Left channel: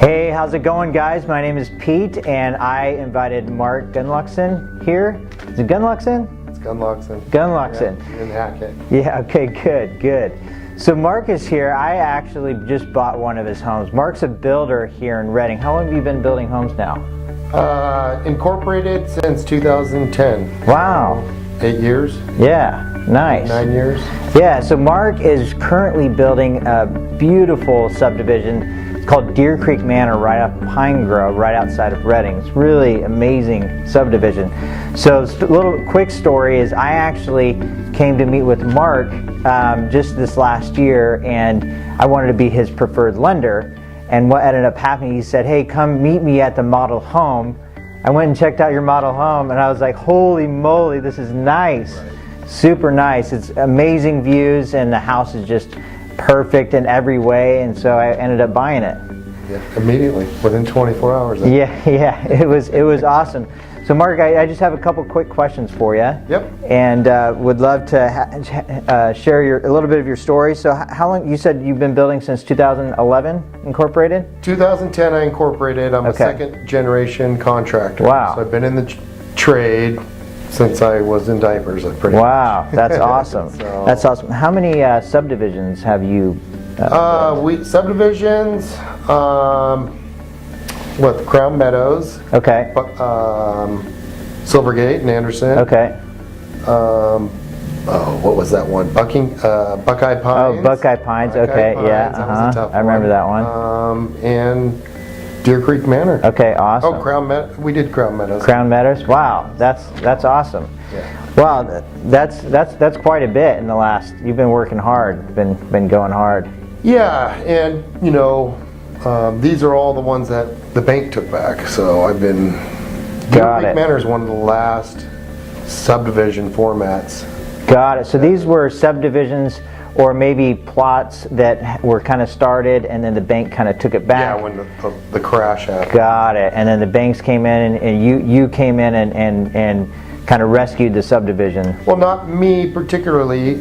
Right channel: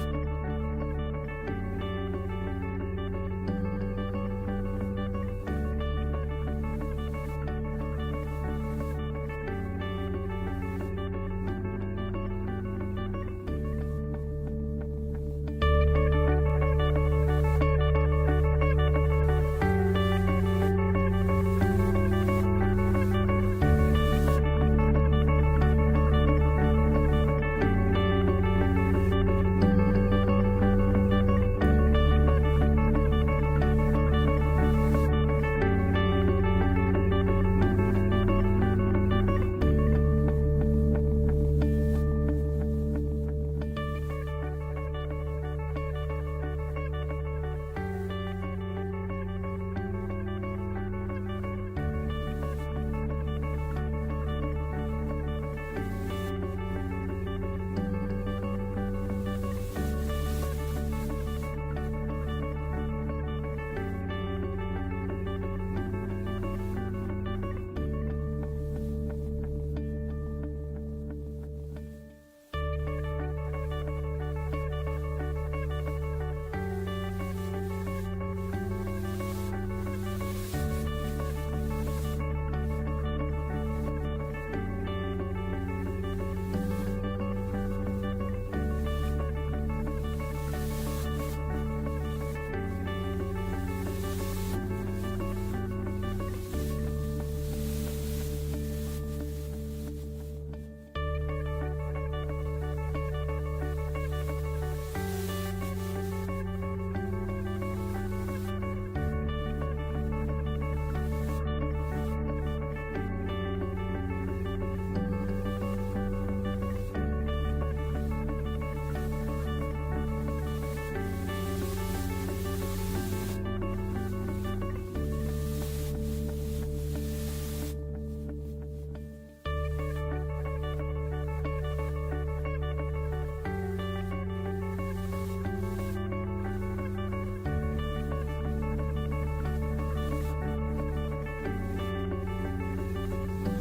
Hey, how's it going, guys? My name is Pete, and I invited Mark Gunluckson here. Is it Gunluckson? It's Gunluckson. Gunluckson. Yeah, in Hackett. Yeah, okay, good. So Mark is here. I actually just bought one of his homes. Mark's a builder here in Redding. How long have you been building homes now? Incorporated since 2010. Wow. 8 years. Yeah, nice. 9 years. Yeah, so Mark is currently building a beautiful subdivision. It's called Deer Creek Manor right off Pine Grove, right outside of Redding. It's really amazing subdivision. So a little quick story is I actually came to meet with Mark just this last year, and I wanted to be his preferred lender. And what ended up happening, he said, hey, come meet me at the model home. I went and checked out your model home, and I was like, holy moly, this is nice. Super nice. It's amazing views, and the house is just perfect in every way, and so I ended up buying it. Yeah, immediately, within 24 hours. Yeah, it was awesome. So Mark, I just have a couple quick questions for you. Yep. And would love to share a little bit of your story. So how long, you said you've been building since 2011, incorporated? 2010 I incorporated. I'm a second generation contractor. Wow. So I've been in the trade since I was in diapers. Wow, that's awesome. So, that's awesome. How many subdivisions have you? Subdivisions. With Crown Meadows. Okay. Silvergate and Anderson. Okay. What was that one? Buckeye Pines. Oh, Buckeye Pines. Okay. Pines. Yeah. I remember that one. And Deer Creek Manor. Okay. Awesome. Oh, Crown Meadows. We did Crown Meadows. Crown Meadows. Wow. That's awesome. Yeah. Wow. That's quite a bit in the last. You've been working hard. Been going hard. Yeah, and you know, these are all the ones that the bank took back. So I've been. Deer Creek Manor is one of the last subdivision formats. Got it. So these were subdivisions, or maybe plots that were kind of started, and then the bank kind of took it back. Yeah, when the crash happened. Got it. And then the banks came in, and you came in and kind of rescued the subdivision. Well, not me particularly.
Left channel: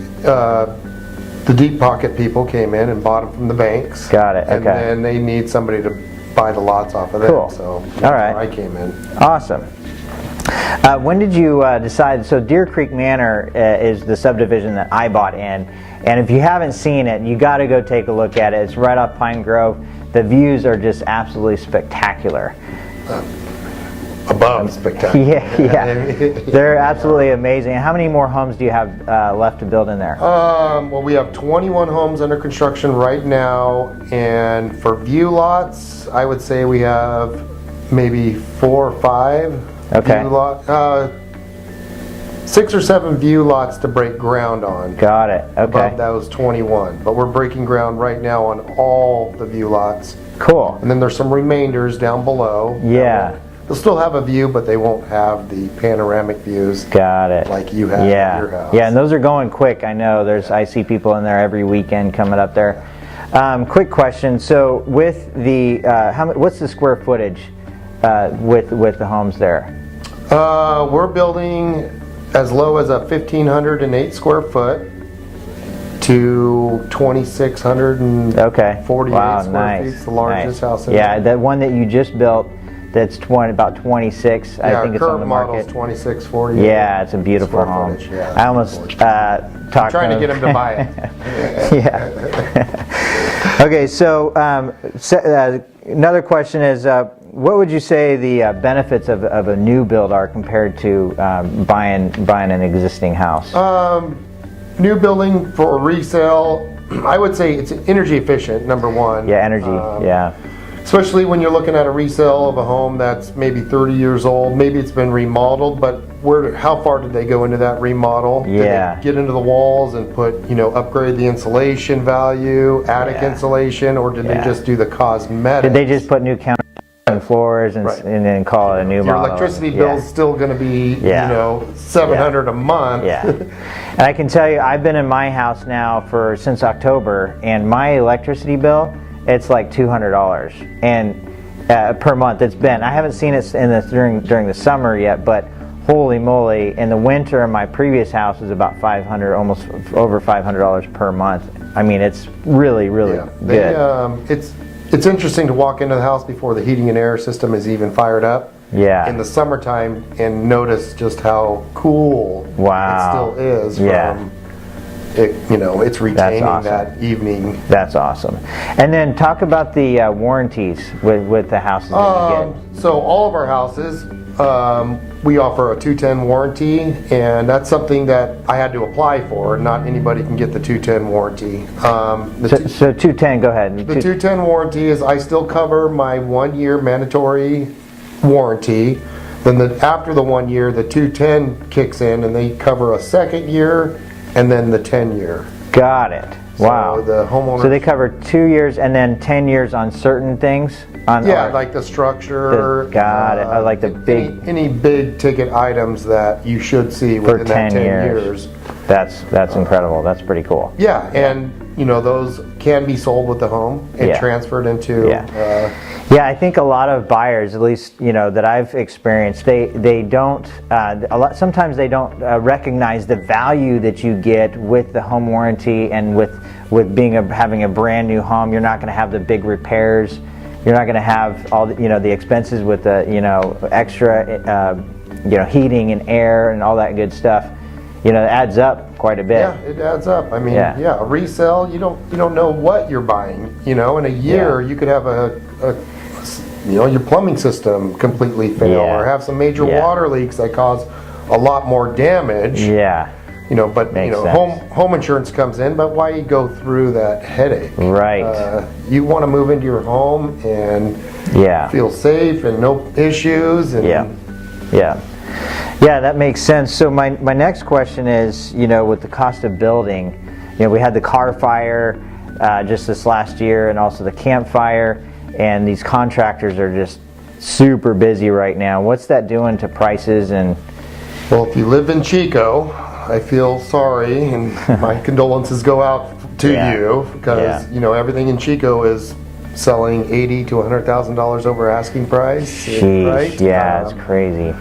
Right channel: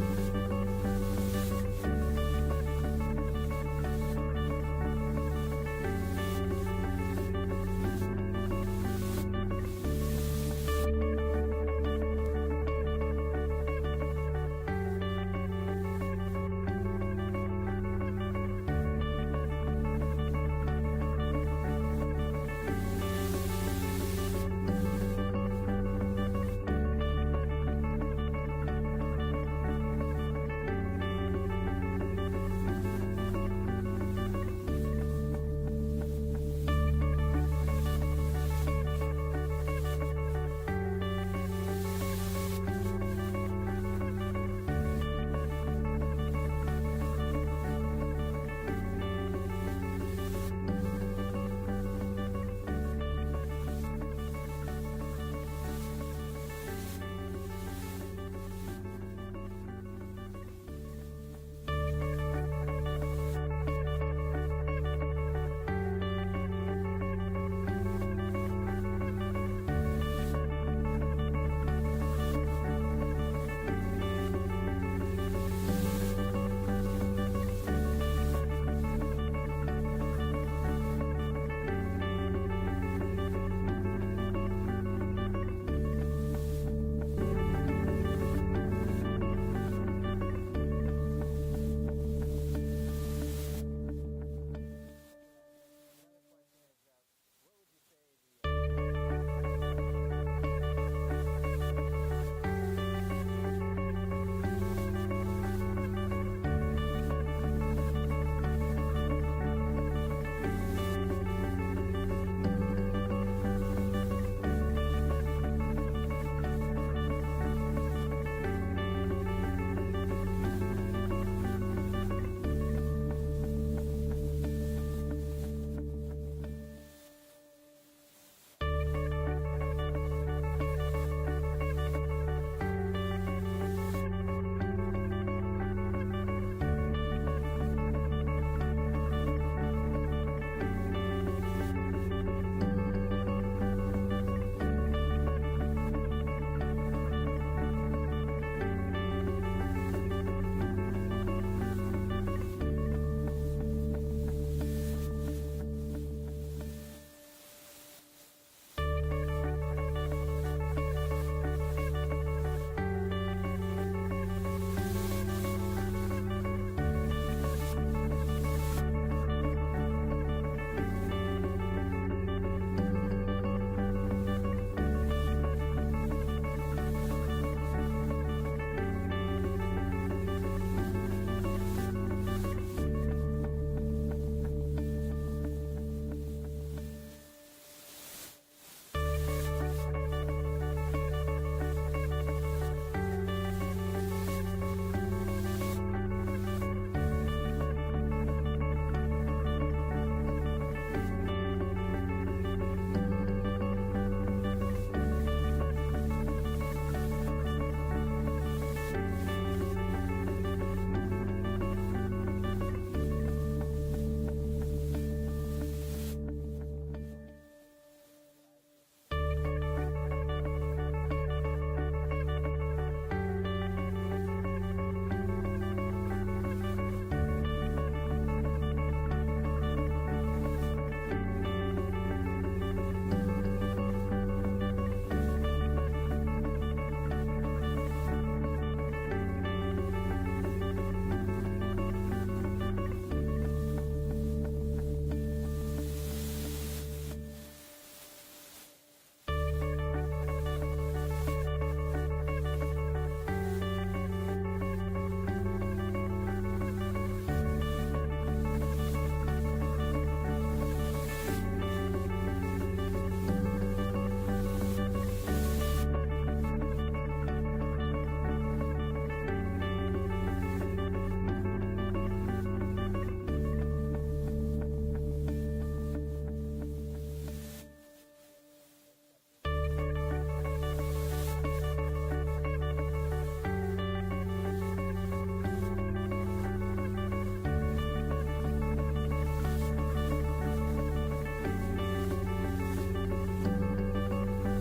The deep pocket people came in and bought them from the banks. Got it. Okay. And then they need somebody to buy the lots off of them. Cool. So all right. I came in. Awesome. When did you decide? So Deer Creek Manor is the subdivision that I bought in, and if you haven't seen it, you got to go take a look at it. It's right off Pine Grove. The views are just absolutely spectacular. Above spectacular. Yeah. They're absolutely amazing. How many more homes do you have left to build in there? Well, we have 21 homes under construction right now, and for view lots, I would say we have maybe 4 or 5. Okay. 6 or 7 view lots to break ground on. Got it. Okay. Above those 21, but we're breaking ground right now on all the view lots. Cool. And then there's some remainders down below. Yeah. They'll still have a view, but they won't have the panoramic views. Got it. Like you have at your house. Yeah, and those are going quick. I know. I see people in there every weekend coming up there. Quick question. So with the what's the square footage with the homes there? We're building as low as a 1,508 square foot to 2,648 square feet. It's the largest house in Yeah, the one that you just built, that's about 26. Yeah, I think it's on the market. Model's 2648. Yeah, it's a beautiful home. Footage, yeah. I almost talked trying to get him to buy it. Yeah. Okay, so another question is, what would you say the benefits of a new build are compared to buying an existing house? New building for resale, I would say it's energy efficient, number one. Yeah, energy, yeah. Especially when you're looking at a resale of a home that's maybe 30 years old, maybe it's been remodeled, but how far did they go into that remodel? Yeah. Did they get into the walls and upgrade the insulation value, attic insulation, or did they just do the cosmetics? Did they just put new counter and floors and then call it a new Your model? electricity bill's still going to be, $700 a month. Yeah. And I can tell you, I've been in my house now since October, and my electricity bill, it's like $200 and per month. I haven't seen it during the summer yet, but holy moly, in the winter my previous house was about $500, almost over $500 per month. I mean, it's really good. It's interesting to walk into the house before the heating and air system is even fired up. Yeah. In the summertime, and notice just how cool it still is. From it, it's retaining that evening. That's awesome. And then talk about the warranties with the houses that you get. So all of our houses, we offer a 210 warranty, and that's something that I had to apply for. Not anybody can get the 210 warranty. So 210, go ahead. The 210 warranty is I still cover my 1 year mandatory warranty. Then after the 1 year, the 210 kicks in, and they cover a second year, and then the 10 year. Got it. Wow. So the homeowner. So they cover 2 years and then 10 years on certain things. Like the structure. Got it. Like the big. Any big ticket items that you should see within that 10 years. That's incredible. That's pretty cool. Yeah, and those can be sold with the home and transferred into. Yeah, I think a lot of buyers, at least that I've experienced, they don't sometimes they don't recognize the value that you get with the home warranty, and with having a brand new home. You're not going to have the big repairs. You're not going to have all the expenses with the extra heating and air and all that good stuff. It adds up quite a bit. Yeah, it adds up. I mean, a resale, you don't know what you're buying. In a year, you could have your plumbing system completely fail, or have some major water leaks that cause a lot more damage. Yeah. But home insurance comes in, but why you go through that headache? Right. You want to move into your home and feel safe and no issues. And Yeah, that makes sense. So my next question is, with the cost of building, we had the car fire just this last year, and also the campfire, and these contractors are just super busy right now. What's that doing to prices? And well, if you live in Chico, I feel sorry, and my condolences go out to you, because everything in Chico is selling $80,000 to $100,000 over asking price. Jeez, right? Yeah, it's crazy.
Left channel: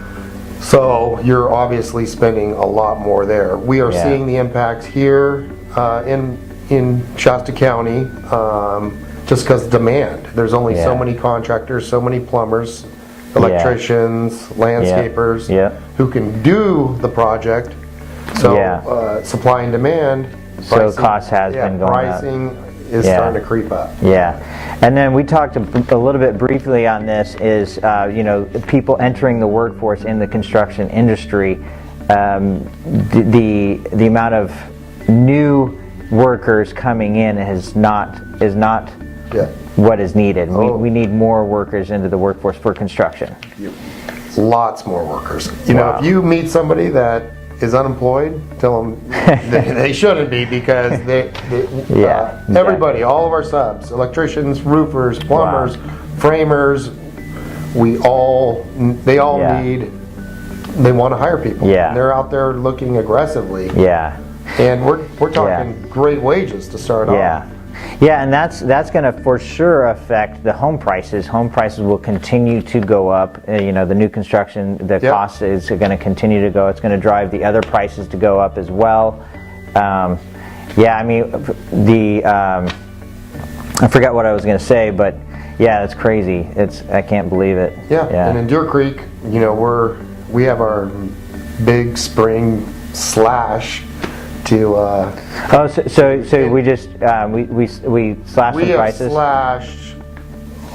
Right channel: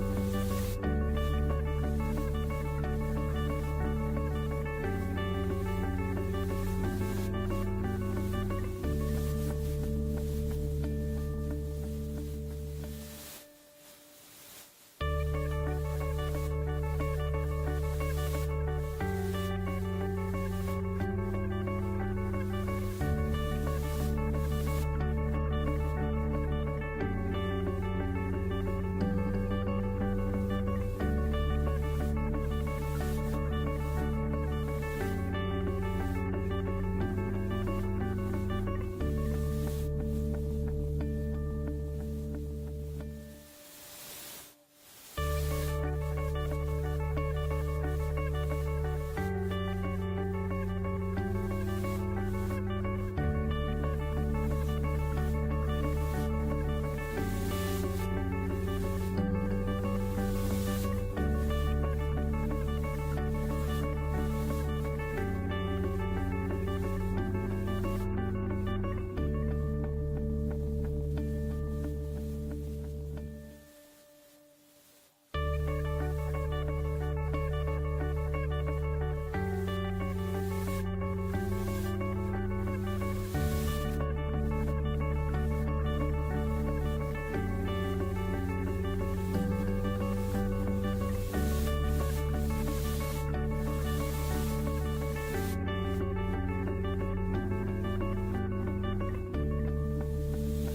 So you're obviously spending a lot more there. We are seeing the impacts here in Shasta County, just because demand. There's only so many contractors, so many plumbers, electricians, landscapers who can do the project. So supply and demand. So cost has been going up. Pricing is starting to creep up. Yeah. And then we talked a little bit briefly on this is, people entering the workforce in the construction industry, the amount of new workers coming in is not what is needed. We need more workers into the workforce for construction. Lots more workers. If you meet somebody that is unemployed, tell them they shouldn't be, because everybody, all of our subs, electricians, roofers, plumbers, framers, they all need, they want to hire people. Yeah. They're out there looking aggressively. Yeah. And we're talking great wages to start off. Yeah, and that's going to for sure affect the home prices. Home prices will continue to go up. The new construction, the cost is going to continue to go. It's going to drive the other prices to go up as well. I mean, I forgot what I was going to say, but it's crazy. I can't believe it. Yeah. And in Deer Creek, we have our big spring slash to so we just we slashed the prices. We have slashed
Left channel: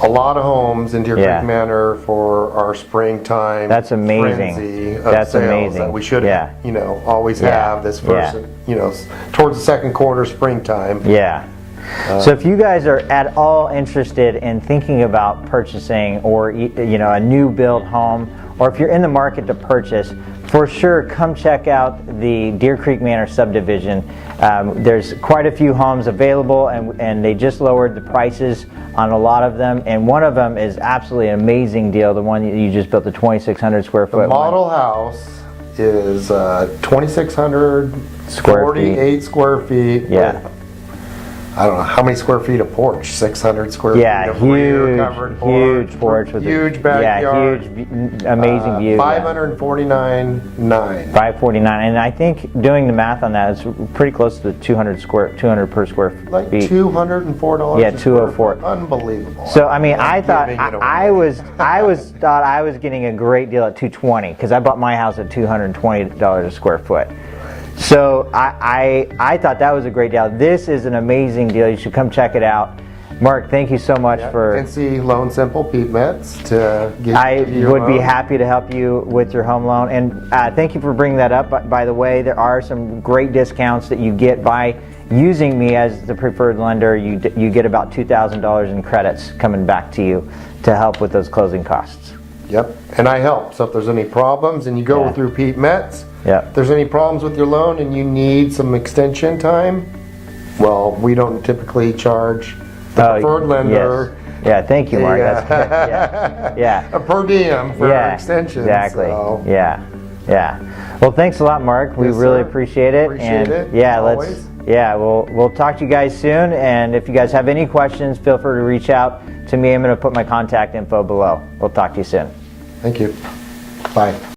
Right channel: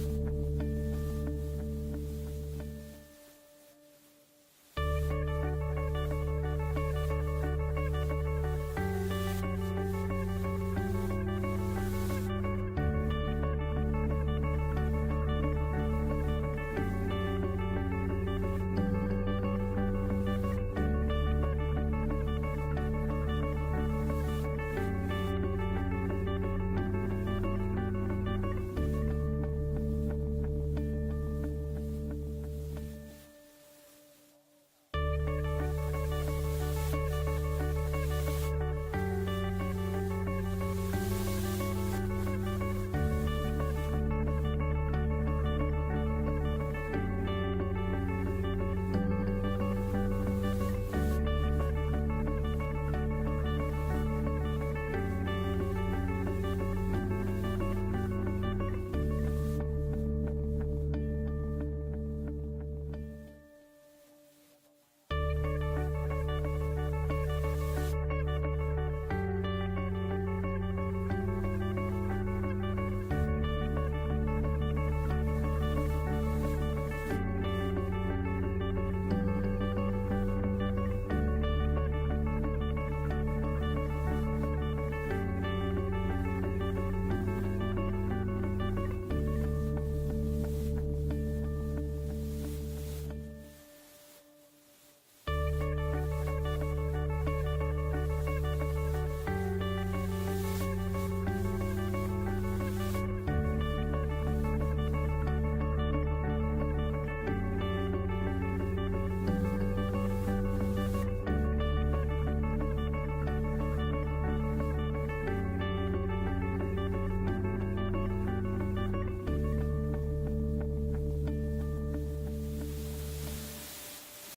a lot of homes in Deer Creek Manor for our springtime. That's amazing. Frenzy of That's sales amazing. That we should always have this first towards the second quarter springtime. So if you guys are at all interested in thinking about purchasing or a new build home, or if you're in the market to purchase, for sure come check out the Deer Creek Manor subdivision. There's quite a few homes available, and they just lowered the prices on a lot of them, and one of them is absolutely an amazing deal, the one you just built, the 2,600 square foot. The model house is 2,600 square 48 feet. square feet. Yeah. I don't know, how many square feet of porch? 600 square feet Yeah, of rear huge, covered porch. huge porch with huge backyard. Yeah, huge, amazing view. 549.9. 549, and I think doing the math on that is pretty close to the 200 per square Like feet. $204. Yeah, a square 204. foot. Unbelievable. So I mean, I I'm thought giving it away. I was getting a great deal at 220 because I bought my house at $220 a square foot. So I thought that was a great deal. This is an amazing deal. You should come check it out. Mark, thank you so much for. And see Loan Simple Pete Metz to get I your would be loan. happy to help you with your home loan. And thank you for bringing that up. By the way, there are some great discounts that you get by using me as the preferred lender. You get about $2,000 in credits coming back to you to help with those closing costs. Yep, and I help. So if there's any problems and you go Yeah. through Pete Metz, Yep. if there's any problems with your loan and you need some extension time, well, we don't typically charge the preferred lender Yes. Yeah, thank you, Mark. That's good. Yeah. a per diem for extensions. Exactly. So. Yeah. Well, thanks a lot, Mark. We Yes, really sir. appreciate it. Appreciate and it, yeah, always. we'll talk to you guys soon. And if you guys have any questions, feel free to reach out to me. I'm going to put my contact info below. We'll talk to you soon. Thank you. Bye.